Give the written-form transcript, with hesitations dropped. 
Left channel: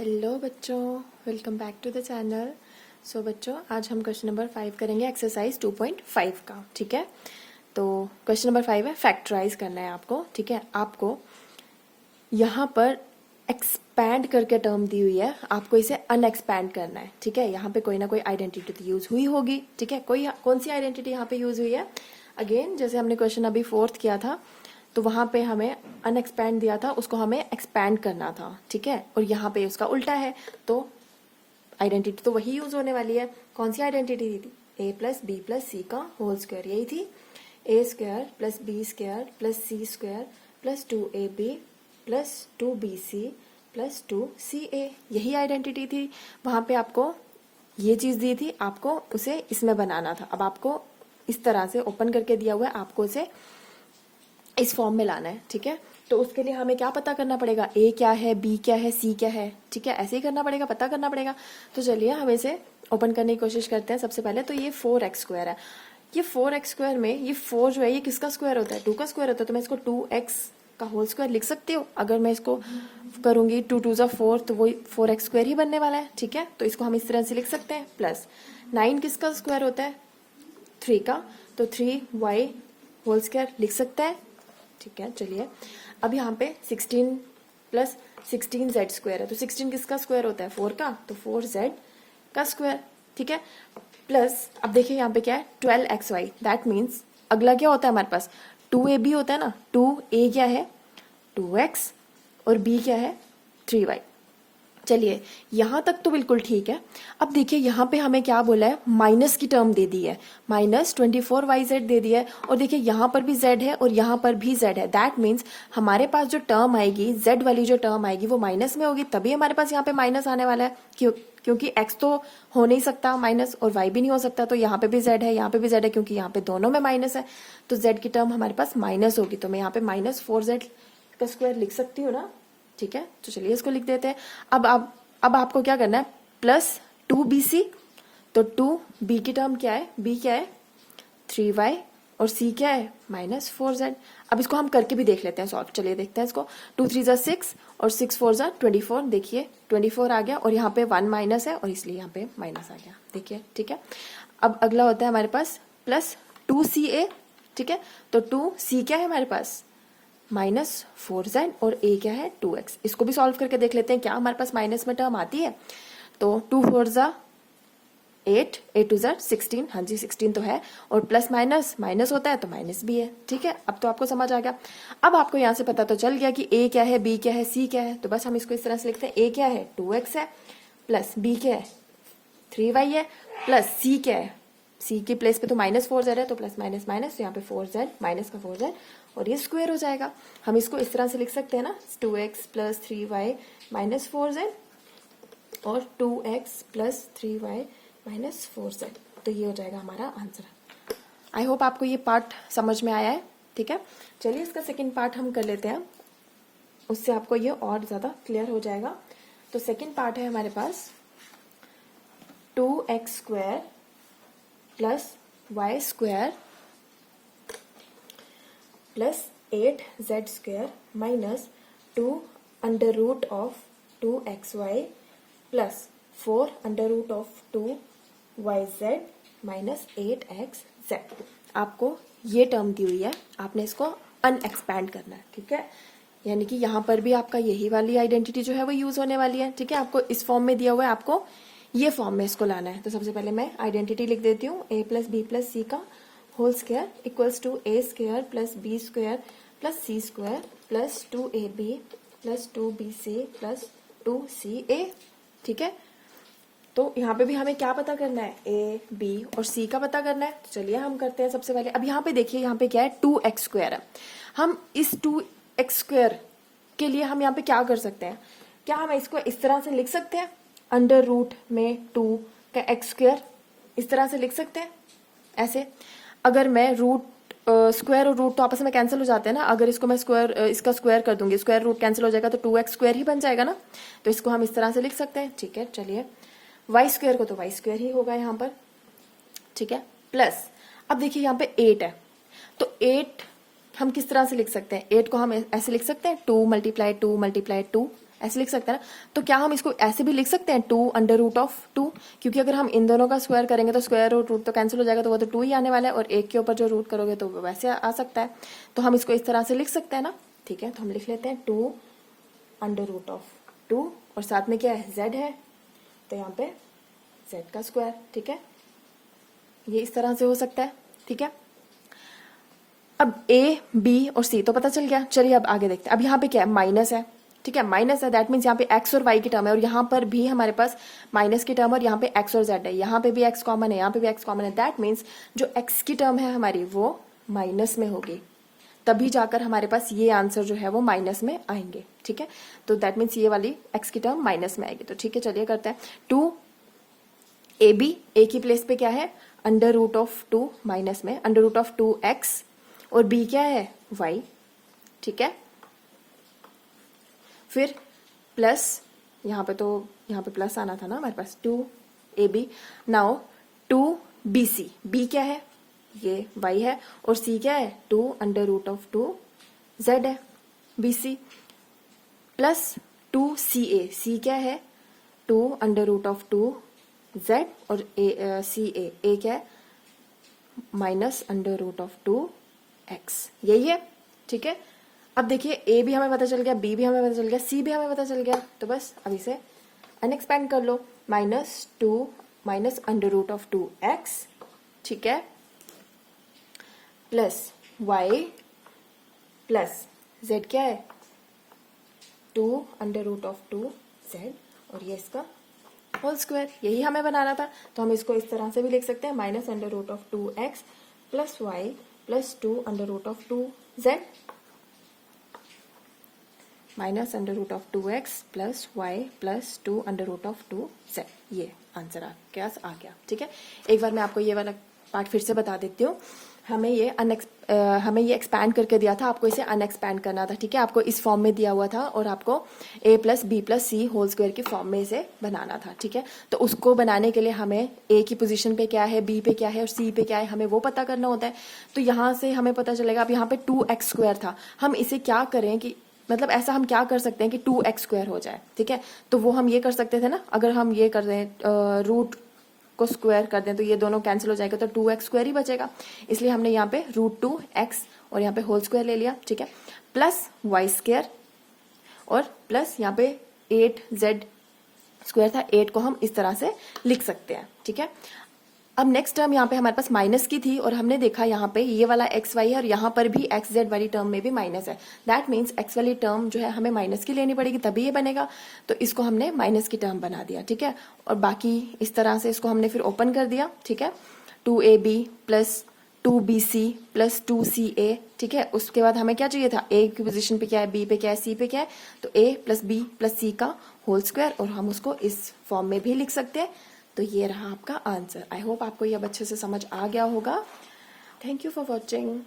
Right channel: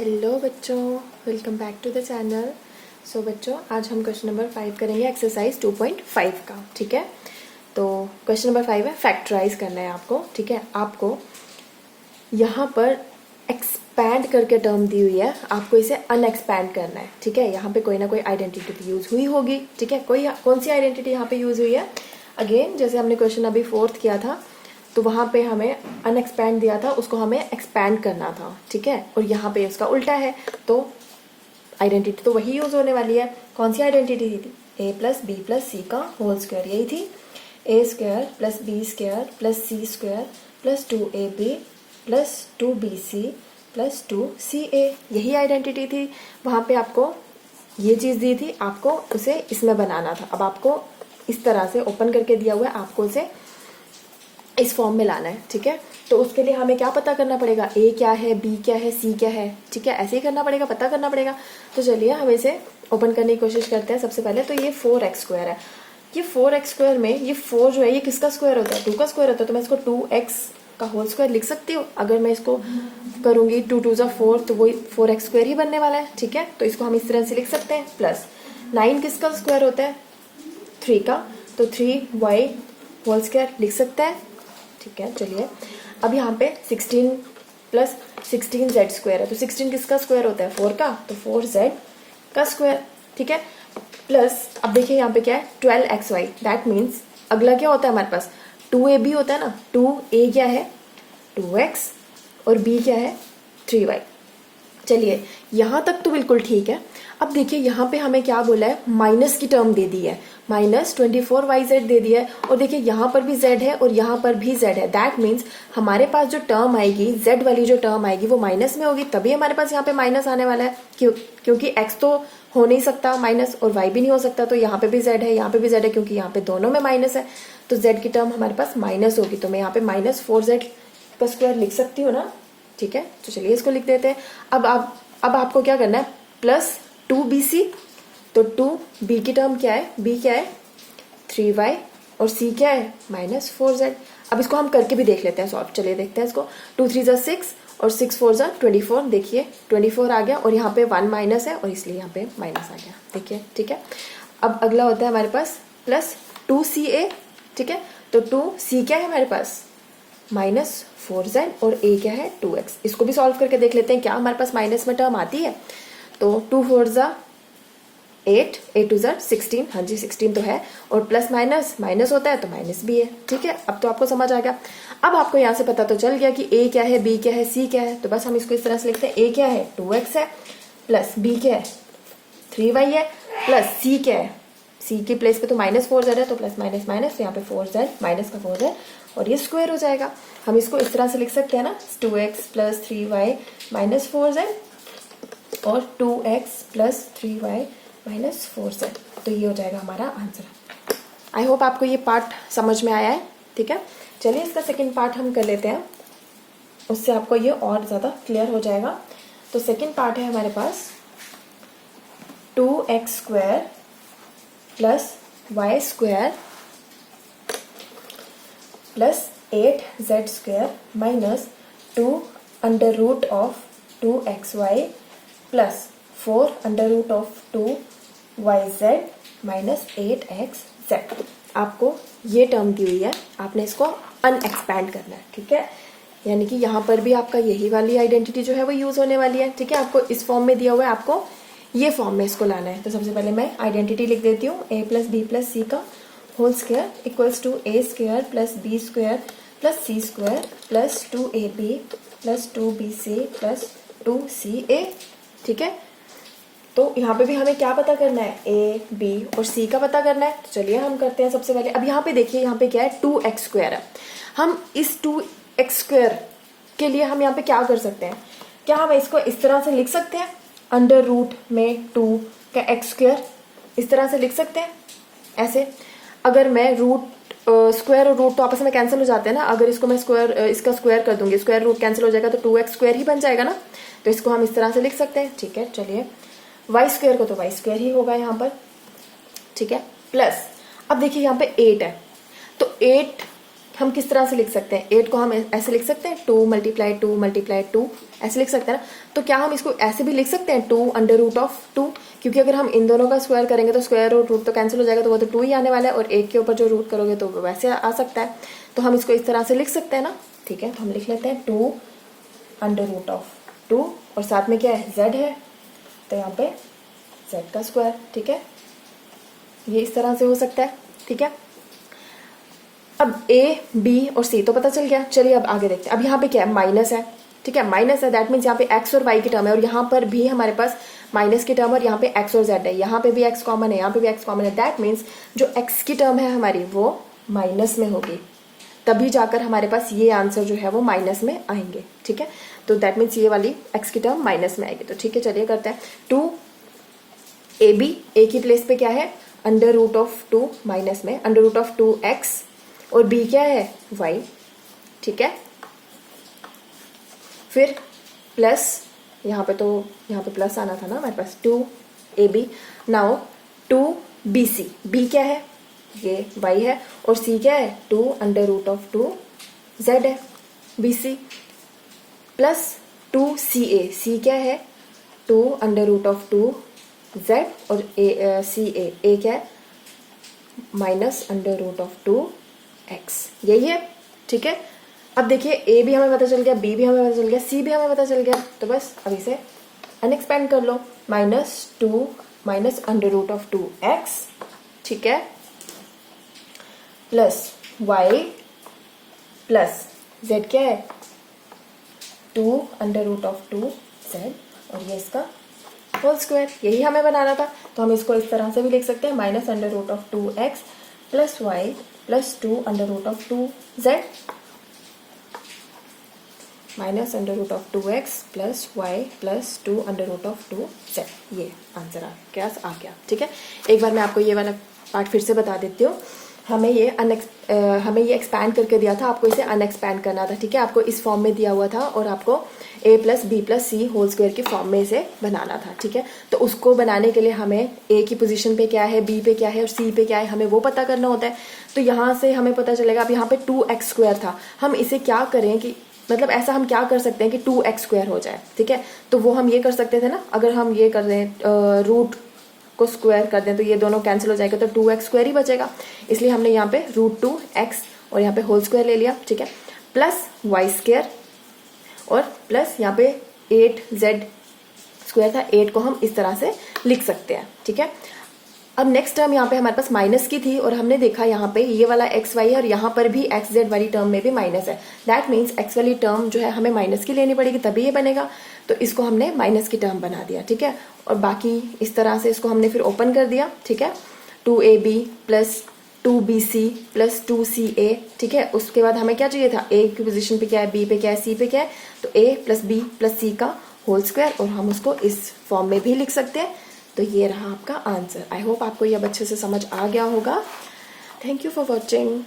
Hello बच्चों, welcome back to the channel. So बच्चों, आज हम क्वेश्चन नंबर 5 करेंगे एक्सरसाइज 2.5 का। ठीक है, तो क्वेश्चन नंबर 5 है फैक्टराइज करना है आपको। ठीक है, आपको यहाँ पर एक्सपैंड करके टर्म दी हुई है, आपको इसे अनएक्सपैंड करना है। ठीक है, यहाँ पे कोई ना कोई आइडेंटिटी यूज हुई होगी। ठीक है, कौन सी आइडेंटिटी यहाँ पे यूज हुई है? अगेन जैसे हमने क्वेश्चन अभी 4th किया था, तो वहां पे हमें अनएक्सपैंड दिया था, उसको हमें एक्सपैंड करना था। ठीक है, और यहाँ पे उसका उल्टा है, तो आइडेंटिटी तो वही यूज होने वाली है। कौन सी आइडेंटिटी थी? a plus B plus C का होल स्क्वायर, यही थी। a square plus B square plus C square plus 2ab plus 2bc plus 2ca, यही आइडेंटिटी थी। वहां पे आपको ये चीज दी थी, आपको उसे इसमें बनाना था। अब आपको इस तरह से ओपन करके दिया हुआ है, आपको उसे इस फॉर्म में लाना है। ठीक है, तो उसके लिए हमें क्या पता करना पड़ेगा? ए क्या है, बी क्या है, सी क्या है। ठीक है, ऐसे ही करना पड़ेगा, पता करना पड़ेगा। तो चलिए हम इसे ओपन करने की कोशिश करते हैं। सबसे पहले तो ये 4x² है। ये 4x² में ये 4 जो है ये किसका स्क्वायर होता है? 2 का स्क्वायर होता है। तो मैं इसको 2x का होल स्क्वायर लिख सकती हूँ। अगर मैं इसको करूंगी 2 2 4, तो वही 4x² ही बनने वाला है। ठीक है, तो इसको हम इस तरह से लिख सकते हैं। प्लस 9 किसका स्क्वायर होता है? 3 का, तो 3y होल स्क्वायर लिख सकते हैं। ठीक है, चलिए अब यहाँ पे 16 प्लस 16z² है, तो 16 किसका स्क्वायर होता है? 4 का, तो 4z का स्क्वायर। ठीक है, प्लस अब देखिए यहाँ पे क्या है? 12xy। दैट मीन्स अगला क्या होता है हमारे पास? 2ab होता है ना। 2a क्या है? 2x, और b क्या है? 3y। चलिए यहां तक तो बिल्कुल ठीक है। अब देखिए यहाँ पे हमें क्या बोला है? माइनस की टर्म दे दी है, माइनस 24yz दे दिया है। और देखिए यहाँ पर भी z है और यहाँ पर भी z है। दैट मीन्स हमारे पास जो टर्म आएगी, z वाली जो टर्म आएगी वो माइनस में होगी, तभी हमारे पास यहाँ पे माइनस आने वाला है। क्योंकि x तो हो नहीं सकता माइनस, और y भी नहीं हो सकता। तो यहाँ पे भी z है, यहाँ पे भी z है, क्योंकि यहाँ पे दोनों में माइनस है, तो z की टर्म हमारे पास माइनस होगी। तो मैं यहाँ पे -4z का स्क्वायर लिख सकती हूँ ना। ठीक है, तो चलिए इसको लिख देते हैं। अब आपको क्या करना है? प्लस 2bc, तो 2b की टर्म क्या है? b क्या है? 3y, और c क्या है? -4z। अब इसको हम करके भी देख लेते हैं सॉल्व। चलिए देखते हैं इसको। 2 3 ज़ा 6 और 6 4 ज़ा 24। देखिए 24 आ गया, और यहाँ पे 1 माइनस है, और इसलिए यहाँ पे माइनस आ गया। देखिए, ठीक है। अब अगला होता है हमारे पास प्लस 2ca। ठीक है, तो 2c क्या है हमारे पास? -4z, और a क्या है? 2x। इसको भी सॉल्व करके देख लेते हैं, क्या हमारे पास माइनस में टर्म आती है? तो 2 4 ज़ा 8, 8 2 ज़ा 16। हाँ जी, 16 तो है, और प्लस माइनस माइनस होता है तो माइनस भी है। ठीक है, अब तो आपको समझ आ गया। अब आपको यहाँ से पता तो चल गया कि a क्या है, b क्या है, c क्या है। तो बस हम इसको इस तरह से लिखते हैं। a क्या है? 2x है, प्लस b क्या है? 3y है, प्लस c क्या है? c की प्लेस पे तो -4z है, तो प्लस माइनस माइनस, तो यहाँ पे 4z, माइनस का 4z, और ये स्क्वायर हो जाएगा। हम इसको इस तरह से लिख सकते हैं ना, 2x प्लस 3y -4z, और 2x प्लस 3y -4z। तो ये हो जाएगा हमारा आंसर। आई होप आपको ये पार्ट समझ में आया है। ठीक है, चलिए इसका सेकंड पार्ट हम कर लेते हैं, उससे आपको ये और ज़्यादा क्लियर हो जाएगा। तो सेकंड पार्ट है हमारे पास 2x² plus y² plus 8z² minus 2 under root of 2xy plus 4 under root of 2yz minus 8xz। आपको ये टर्म दी हुई है, आपने इसको अनएक्सपैंड करना है। ठीक है, यानी कि यहाँ पर भी आपका यही वाली आइडेंटिटी जो है वो यूज होने वाली है। ठीक है, आपको इस फॉर्म में दिया हुआ है, आपको ये फॉर्म में इसको लाना है। तो सबसे पहले मैं आइडेंटिटी लिख देती हूँ। a plus B plus C का whole square equals to a² plus b² plus c² plus 2ab plus 2bc plus 2ca। ठीक है, तो यहाँ पे भी हमें क्या पता करना है? a, b और c का पता करना है। तो चलिए हम करते हैं सबसे पहले। अब यहाँ पे देखिए, यहाँ पे क्या है? 2x² है। हम इस 2x² के लिए हम यहाँ पे क्या कर सकते हैं? क्या हम इसको इस तरह से लिख सकते हैं? अंडर रूट में 2 का x², इस तरह से लिख सकते हैं ऐसे। अगर मैं स्क्वायर और रूट तो आपस में कैंसिल हो जाते हैं ना। अगर इसको मैं इसका स्क्वायर कर दूंगी, स्क्वायर रूट कैंसिल हो जाएगा, तो 2x² ही बन जाएगा ना। तो इसको हम इस तरह से लिख सकते हैं। ठीक है, चलिए y² को तो y² ही होगा यहाँ पर। ठीक है, प्लस अब देखिए यहाँ पे 8 है, तो 8 हम किस तरह से लिख सकते हैं, 8 को हम ऐसे लिख सकते हैं 2 मल्टीप्लाई 2 मल्टीप्लाई 2, ऐसे लिख सकते हैं ना। तो क्या हम इसको ऐसे भी लिख सकते हैं 2 अंडर रूट ऑफ 2, क्योंकि अगर हम इन दोनों का स्क्वायर करेंगे तो स्क्वायर और रूट तो कैंसिल हो जाएगा, तो वो तो 2 ही आने वाला है, और 1 के ऊपर जो रूट करोगे तो वो वैसे आ सकता है। तो हम इसको इस तरह से लिख सकते हैं ना, ठीक है। तो हम लिख लेते हैं 2 अंडर रूट ऑफ 2, और साथ में क्या है, z है, तो यहाँ पे z का स्क्वायर, ठीक है। ये इस तरह से हो सकता है, ठीक है। अब a, b और c तो पता चल गया। चलिए अब आगे देखते हैं। अब यहाँ पे क्या है, माइनस है, ठीक है, माइनस है, दैट मीन्स यहाँ पे x और y की टर्म है, और यहाँ पर भी हमारे पास माइनस की टर्म, और यहाँ पे x और z है, यहाँ पे भी x कॉमन है, यहाँ पे भी x कॉमन है, दैट मीन्स जो x की टर्म है हमारी वो माइनस में होगी, तभी जाकर हमारे पास ये आंसर जो है वो माइनस में आएंगे, ठीक है। तो दैट मीन्स ये वाली x की टर्म माइनस में आएगी। तो ठीक है, चलिए करते हैं 2ab, a की प्लेस पे क्या है, अंडर रूट ऑफ 2 माइनस में अंडर रूट ऑफ 2x, और b क्या है, y, ठीक है। फिर प्लस, यहाँ पे प्लस आना था ना हमारे पास, 2ab। नाउ 2bc, b क्या है, ये y है, और c क्या है, 2 अंडर रूट ऑफ 2z है, bc, प्लस 2ca, c क्या है, 2 अंडर रूट ऑफ 2z, और a क्या है, minus under root of 2x, यही है, ठीक है। अब देखिए a भी हमें पता चल गया, b भी हमें पता चल गया, c भी हमें पता चल गया, तो बस अब इसे अनएक्सपेंड कर लो, -2 minus under root of 2x, ठीक है, प्लस y प्लस z क्या है, 2 अंडर रूट ऑफ 2z, और ये इसका होल स्क्वायर, यही हमें बनाना था। तो हम इसको इस तरह से भी लिख सकते हैं, minus under root of 2x plus y plus 2 under root of 2z, minus under root of 2x plus y plus 2 under root of 2z, ये आंसर आ गया, ठीक है। एक बार मैं आपको ये वाला पार्ट फिर से बता देती हूँ। हमें ये एक्सपैंड करके दिया था, आपको इसे अनएक्सपैंड करना था, ठीक है। आपको इस फॉर्म में दिया हुआ था, और आपको a plus B plus C whole square की फॉर्म में इसे बनाना था, ठीक है। तो उसको बनाने के लिए हमें a की पोजीशन पे क्या है, b पे क्या है और c पे क्या है, हमें वो पता करना होता है। तो यहाँ से हमें पता चलेगा, अब यहाँ पे 2x स्क्वायर था, हम इसे क्या करें कि मतलब ऐसा हम क्या कर सकते हैं कि 2x स्क्वायर हो जाए, ठीक है। तो वो हम ये कर सकते थे ना, अगर हम ये कर दें रूट को स्क्वायर कर दें तो ये दोनों कैंसिल हो जाएगा, तो 2x स्क्वायर ही बचेगा। इसलिए हमने यहाँ पे √2x और यहाँ पे होल स्क्वायर ले लिया, ठीक है, प्लस y स्क्वायर, और प्लस यहाँ पे 8z स्क्वायर था, 8 को हम इस तरह से लिख सकते हैं, ठीक है। अब नेक्स्ट टर्म यहाँ पे हमारे पास माइनस की थी, और हमने देखा यहाँ पे ये वाला एक्स वाई है, और यहाँ पर भी एक्स जेड वाली टर्म में भी माइनस है, दैट मीन्स एक्स वाली टर्म जो है हमें माइनस की लेनी पड़ेगी तभी ये बनेगा। तो इसको हमने माइनस की टर्म बना दिया, ठीक है। और बाकी इस तरह से इसको हमने फिर ओपन कर दिया, ठीक है, 2ab plus 2bc plus 2ca, ठीक है। उसके बाद हमें क्या चाहिए था, a की पोजीशन पे क्या है, b पे क्या है, c पे क्या है, तो a plus b plus c का होल स्क्वायर, और हम उसको इस फॉर्म में भी लिख सकते हैं। तो ये रहा आपका आंसर। आई होप आपको ये अब अच्छे से समझ आ गया होगा। Thank you for watching.